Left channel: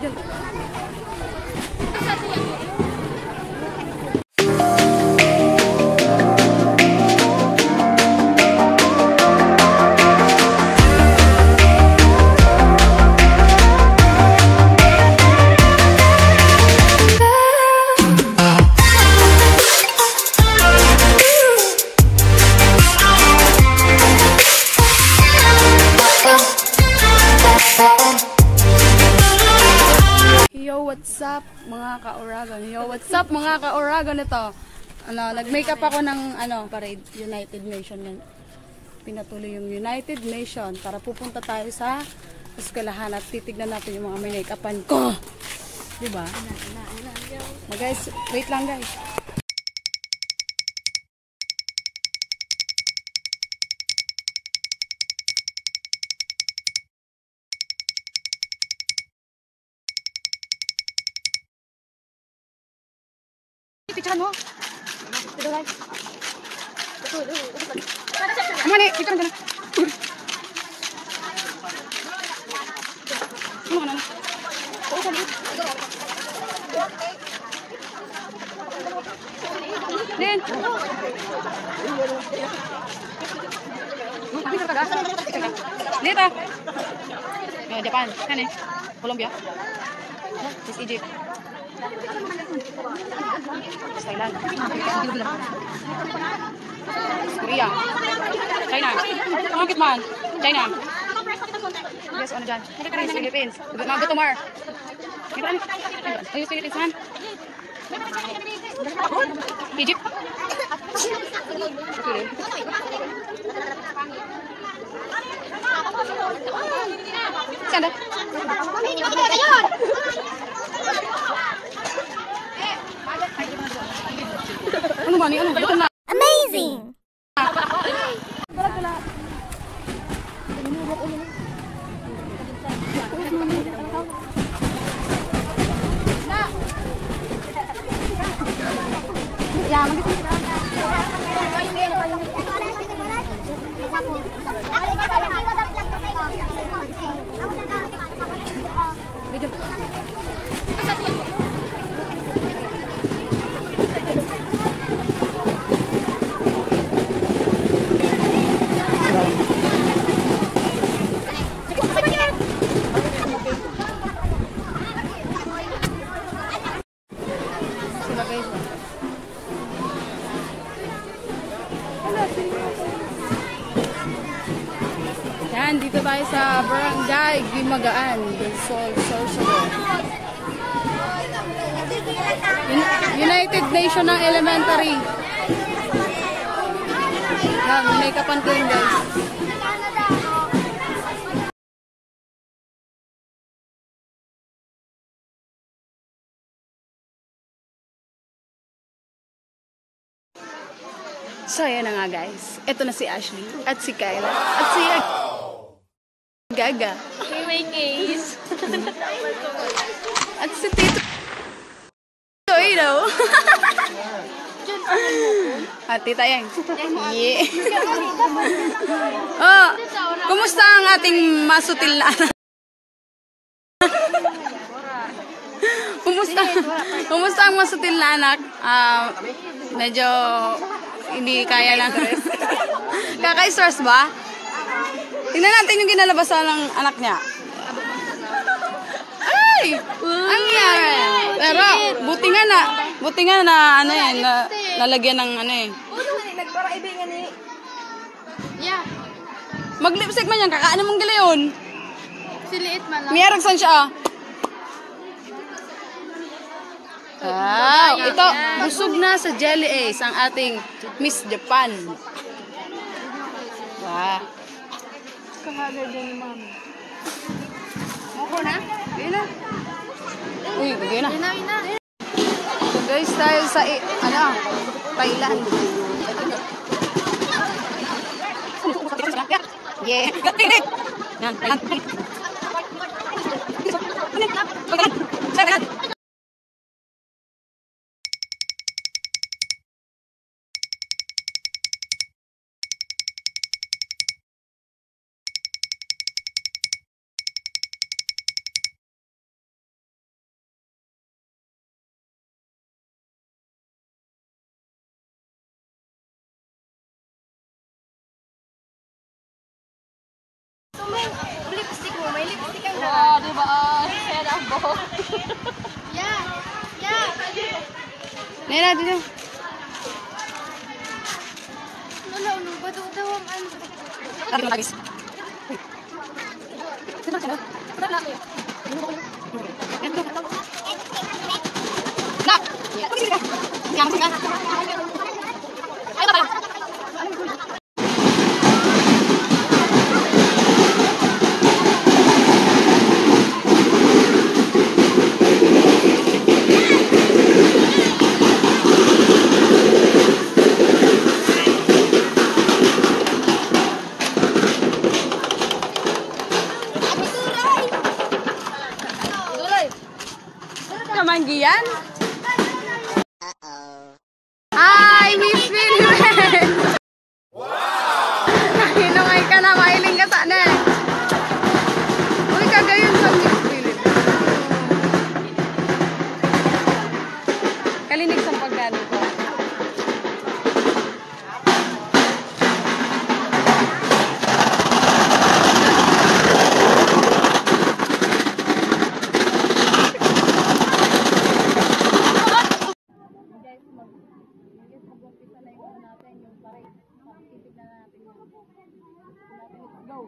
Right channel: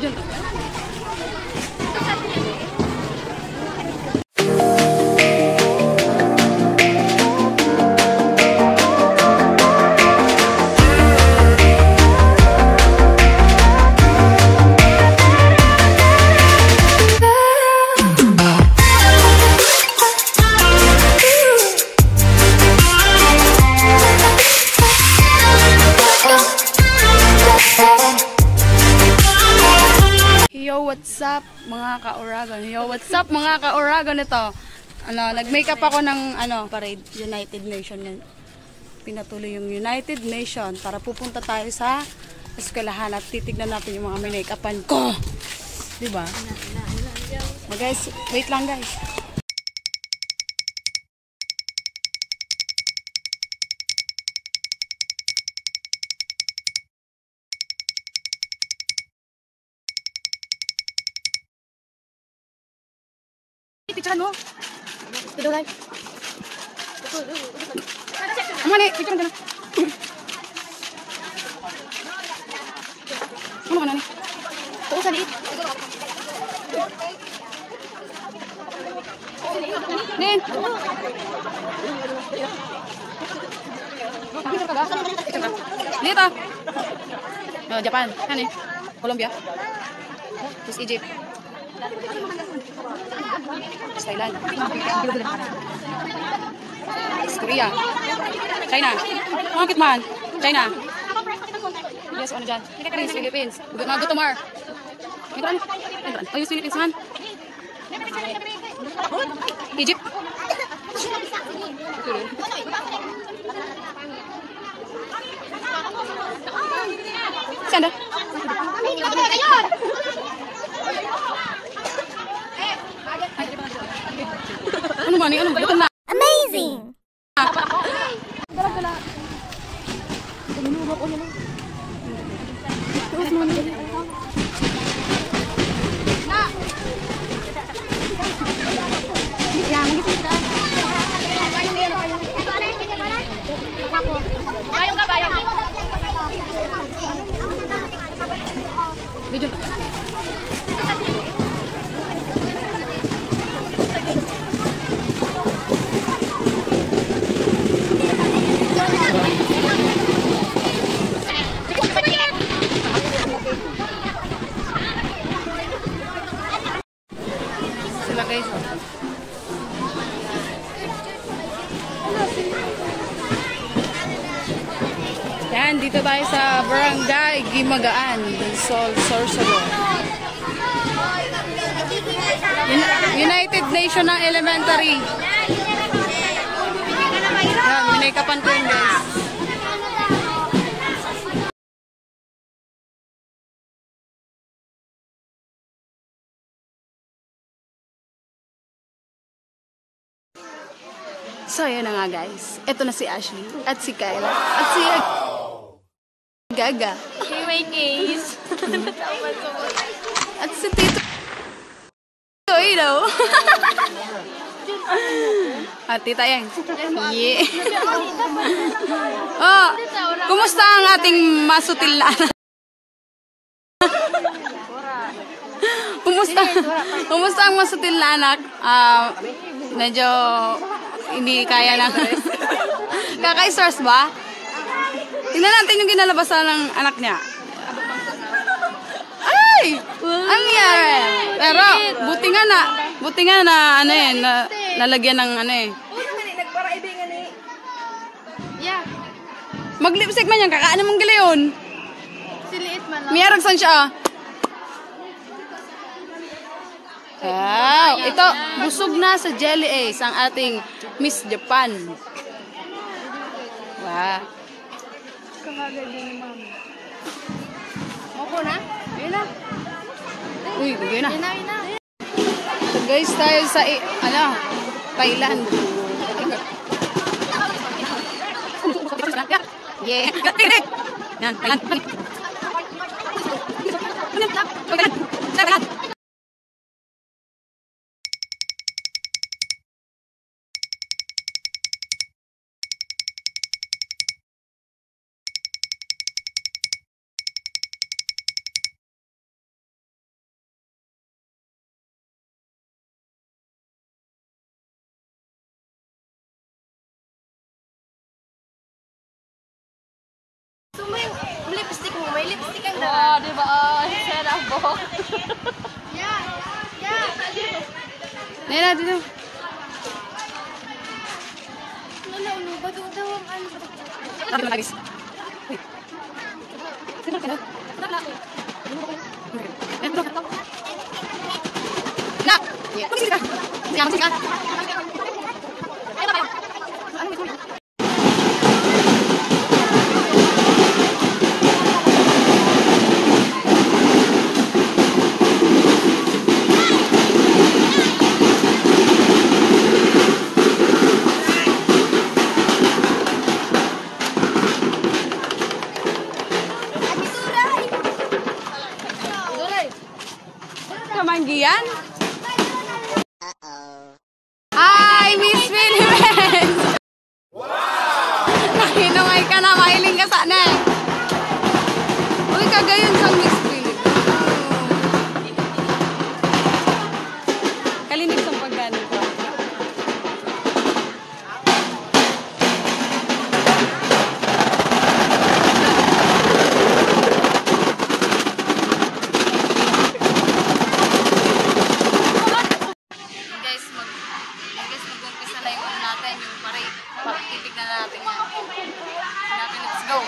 Video to. Yo, what's up mga ka-Oragon? Yo, what's up mga ka-Oragon? Ito, nag-makeup ako ng parade, United Nation yan. Pinatuloy yung United Nation para pupunta tayo sa eskwelahan at titignan natin yung mga make-upan ko. Diba? Guys, wait lang guys. Picture mo. Video guys. Ano ni? Picture mo na. Ano na? Oo sa liit. Din. Dito. Japan. Kan Colombia. Terus Egypt. Thailand, Korea, China, bakit man? China, yes, ano dyan? Philippines, go to Mar. Ayos, Philippines man. Egypt. Saan deh? Ano ba ni ano? Amazing! Sila guys. Yan, dito tayo sa Barangay Gimagaan, Sol, Sorsogon. United Nation ng Elementary. Yan, minakapan ko yun guys. So, yan na nga guys. Ito na si Ashley, at si Kyla, at si Gaga. Okay, my case. At si Tito. You know. At tita yan. Yeah. Oh, kumusta ang ating masutil na anak? Kumusta ang masutil na anak? Medyo hindi kaya lang. Kaka-stress ba? Tingnan natin yung kinalabasan ng anak niya. Ay! Ang yan! Pero, buti nga na, ano yan, lalagyan ng ano eh. Yeah. Mag-lipstick man yan, kakaan mong giliyon. Siliit man lang. Mayroon saan siya? Wow! Ito, busog na sa Jelly Ace ang ating Miss Japan. Wow! Kakagal din ni mami. Ako na? Yun na. Uy, bigyan na. Yun na. So guys, tayo sa, Thailand. Yeah. Yan, Thailand. Lipstick mo, may lipstick ang Wow, di ba? Sad ang buhok. Yeah. Nena, dito. Ano, ba't daw ang ano? Lagi na magis. Kamanggian? Hi, Miss Philippines! Nakinungay ka na, mahiling ka sana. Uy, kagayon sa Miss Philippines. Kalinig sa paggano ko. Titignan natin yan. Let's go.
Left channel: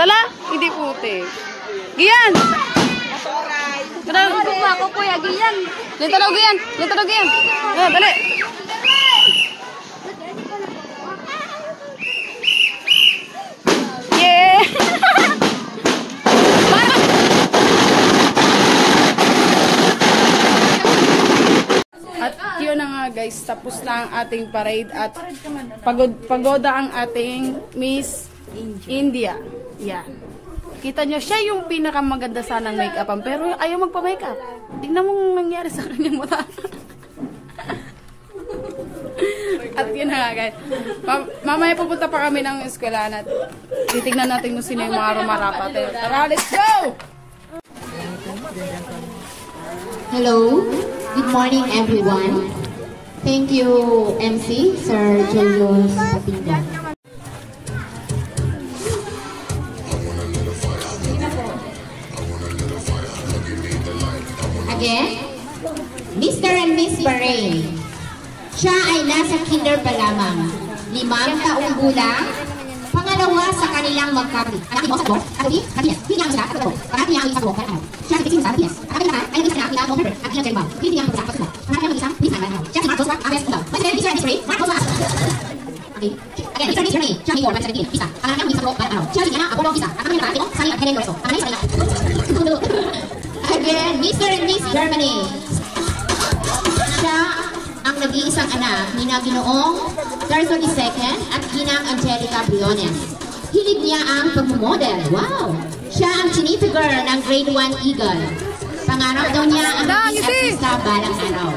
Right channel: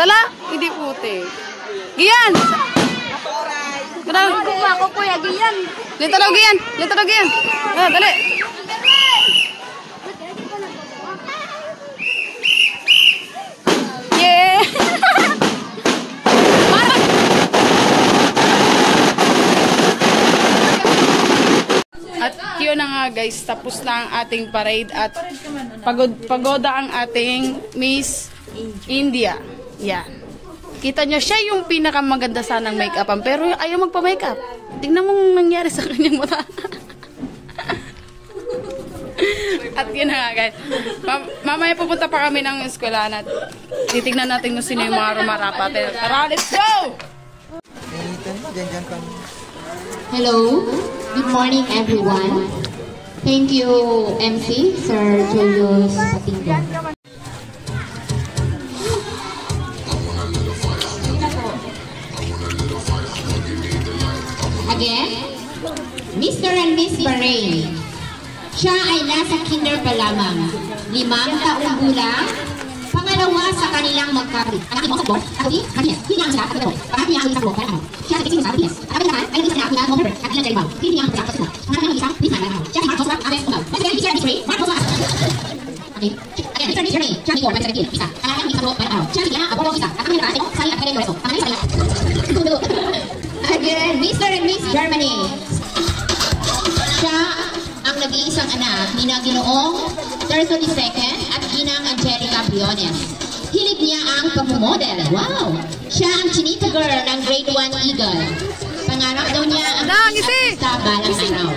Sala? Hindi puti. Gian! Ako kuya, giyan. Dito lang, Gian! Dito lang, Gian! Oh, dali! Yeah! At yun na nga guys, tapos na ang ating parade at pagoda ang ating Miss India. Yan. Kita niya siya yung pinakamaganda sanang make-upan pero ayaw magpa-makeup. Tingnan mo nangyari sa kanyang mata. At yun na nga guys. Mamaya pupunta pa kami ng eskwelahan at titignan natin kung sino yung mga rumarapat. Tara, let's go! Hello, good morning everyone. Thank you MC Sir Julius Batinda. Again, Mr. and Miss Bahrain. Siya ay nasa kinder pa lamang, 5 taong gulang, pangalawa sa kanilang magkapit. Ang aking mga sabot, ako di, kanya, hindi ang sila, at ito, ang aking mga sabot, kaya ako, siya ay kitin sa akin, at aking naman, ay isa na ako na Montever, at ilang jaribaw, hindi niya ang pagkakot sila. Ang aking isang, please na lang, siya ay Mark Joshua, Aves Kumaw. Mas Mr. and Miss Ray, Mark Joshua. Okay, again, Mr. and Miss Ray, siya ay Igor, Mr. Isa, ang aking isang sabot, siya ay Liana, Apollo Isa, at aking mga sabot, Again, Mr. and Miss Germany. Siya ang nag-iisang anak ni Ginoong Terzo II at Ginang Angelica Briones. Hilig niya ang pag-model. Wow! Siya ang chinita girl ng Grade 1 Eagle. Pangarap daw niya ang maging artista balang araw.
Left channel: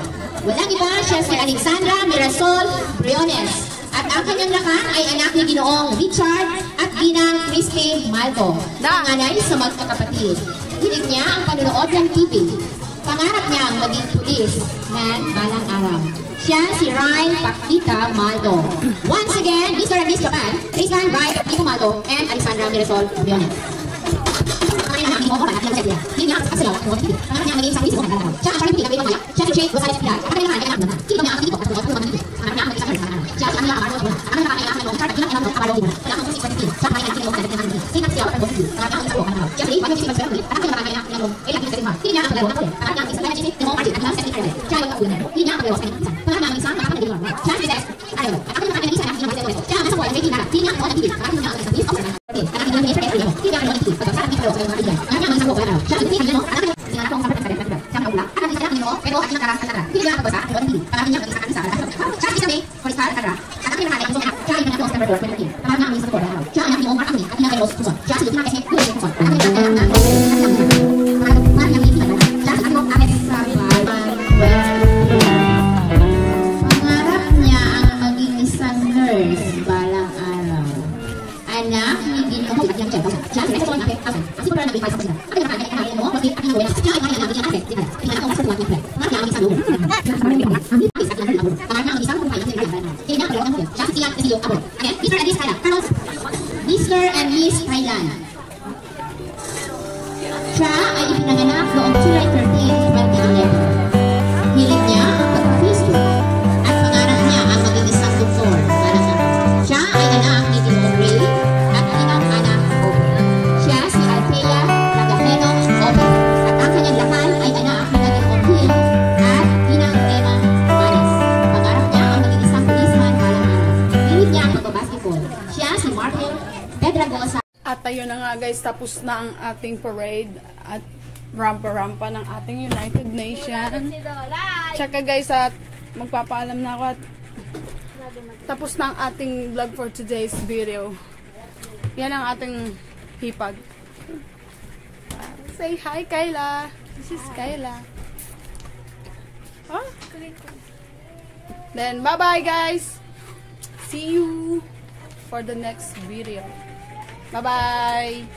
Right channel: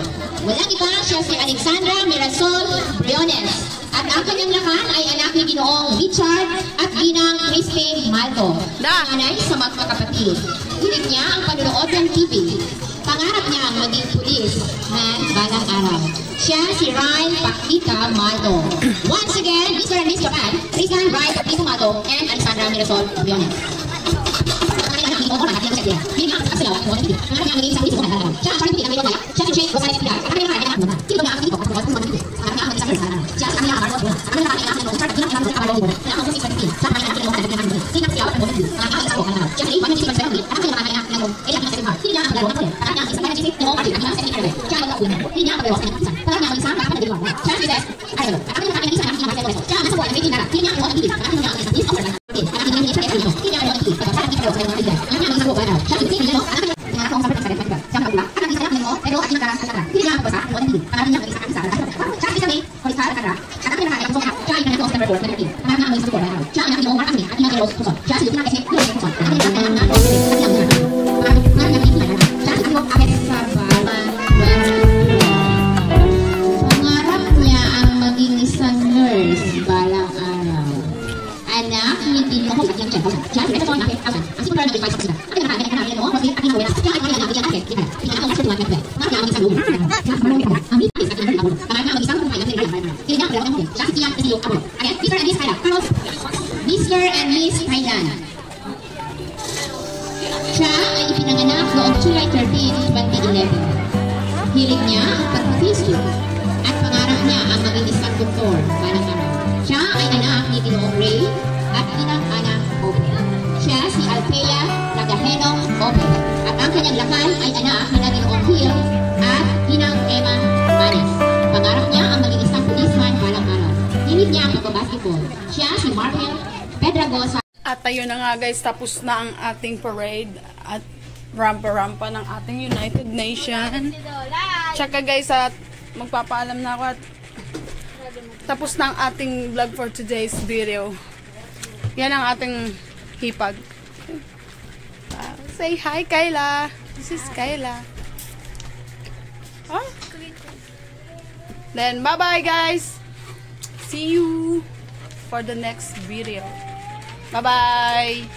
Walang iba, siya si Alexandra Mirasol Briones. At ang kanyang lakan ay anak ni Ginoong Richard at Ginang Christine Maldo. Nanay sa magkakapatid. Hilig niya ang panonood ng TV. Pangarap niya ang maging pulis man balang araw. Siya si Ryan Pakita Maldo. Once again, Mr. and Miss Japan, Rizal Ryan Pakita Maldo and Alexandra Mirasol Briones. Mr. and Miss Thailand. Siya ay ipinanganak noong July 13, 2011. Hilig niya ang pag-Facebook at pangarap niya ang maging isang doktor para sa siya ay anak ni Ginoong Ray at Ginang Ana Ope. Siya si Althea Ragaheno Ope at ang kanyang lakan ay anak ni Ginoong Hill at Ginang Emma Maris. Pangarap niya ang maging isang policeman balang araw. Hilig niya ang pagbabasketball. Siya si Markel Pedragosa. At ayun na nga guys, tapos na ang ating parade at rampa-rampa ng ating United Nation. Tsaka guys, at magpapaalam na ako at tapos na ang ating vlog for today's video. Yan ang ating hipag. Say hi, Kayla. This is Kayla. Huh? Then, bye-bye guys. See you for the next video. Bye-bye!